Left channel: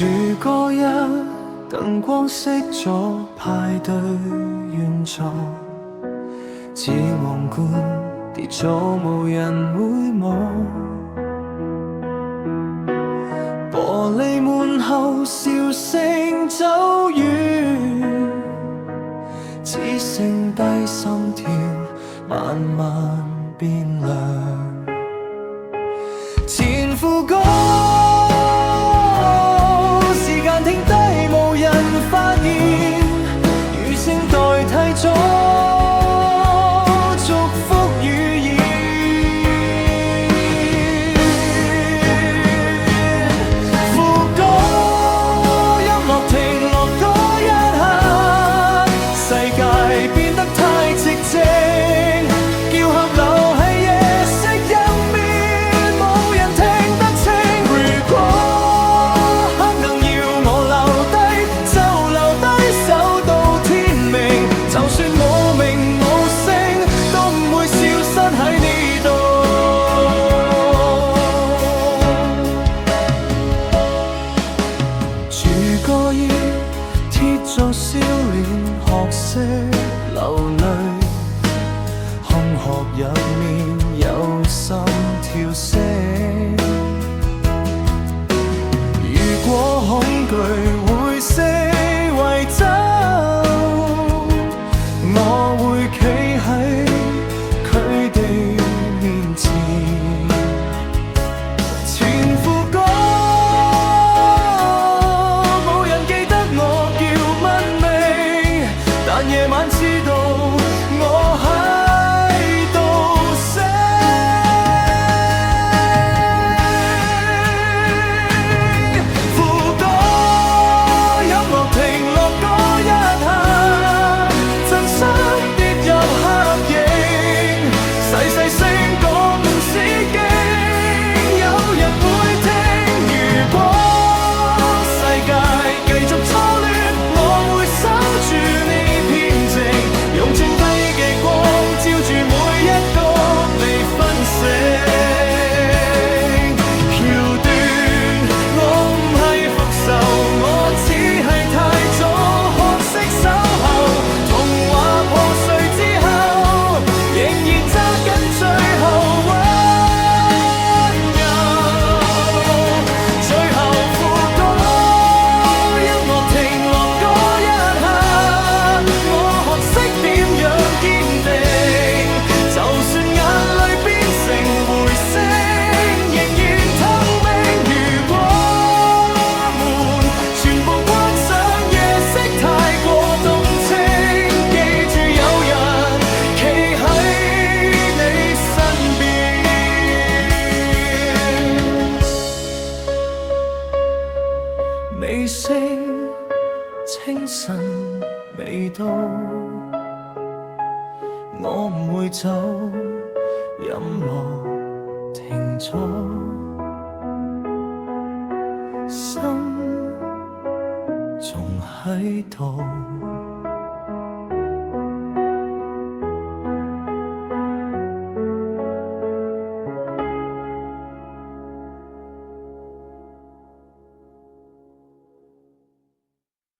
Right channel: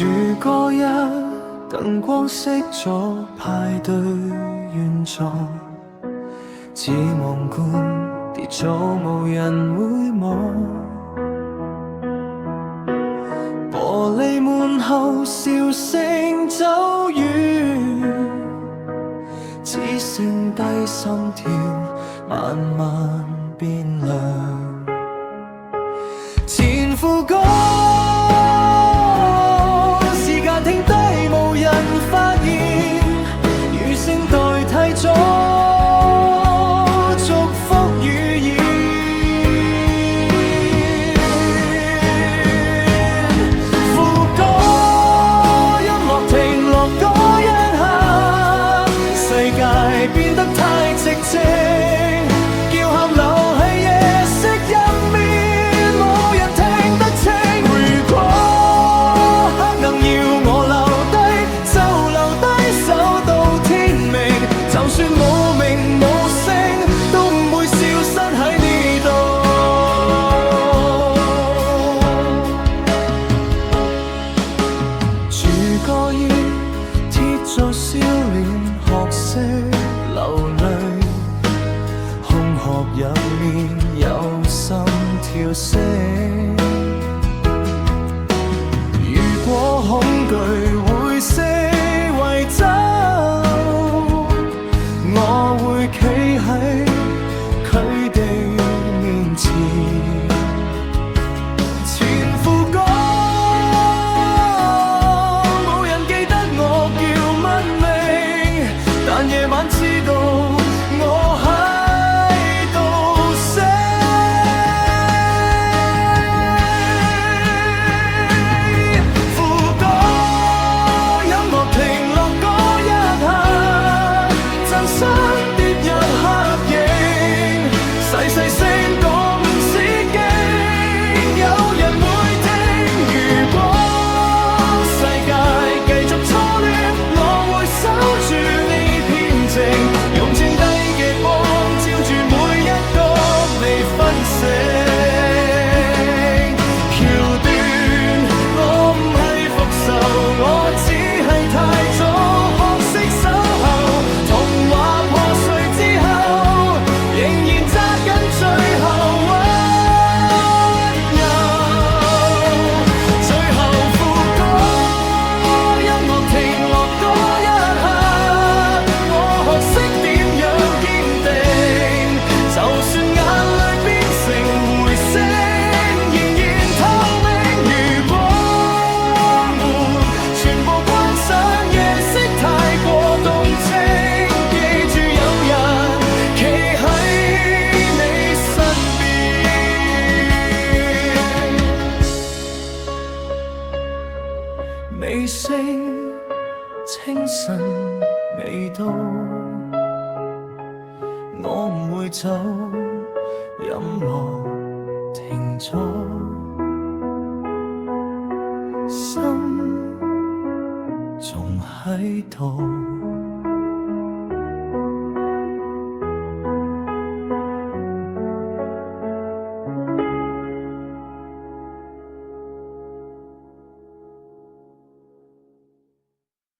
住嗰日，燈光熄咗，派對完咗，似皇冠跌咗，無人會望。玻璃門後笑聲走遠，只剩低心跳慢慢變涼。前副歌時間停低，無人發現，餘聲代替咗祝福語言。副歌音樂停落嗰一刻，世界變得太寂靜，叫喊留喺夜色入面，冇人聽得清。如果黑能要我留低，就留低守到天明，就算冇名冇姓，都唔會消失喺呢度。住個夜，貼咗笑臉，學識流淚，空殼入面有心跳聲。如果恐懼會四圍走，我會企喺佢哋面前。前副歌冇人記得我叫乜名，但夜晚知道我喺度醒。副歌音樂停落嗰一刻，真心跌入黑影，細細聲講唔使驚，有人會聽。如果世界繼續錯亂，我會守住呢片靜，用剩低嘅光照住每一個未分醒橋段。我唔係復仇，我只係太早學識守候。童話破碎之後，仍然揸緊最後溫柔。最後副歌音樂停落嗰一刻，我學識點樣堅定，就算眼淚變成回聲，仍然透明。如果門全部關上，夜色太過動情，記住有人企喺你身邊。尾聲清晨未到，我唔會走，音樂停咗，心仲喺度。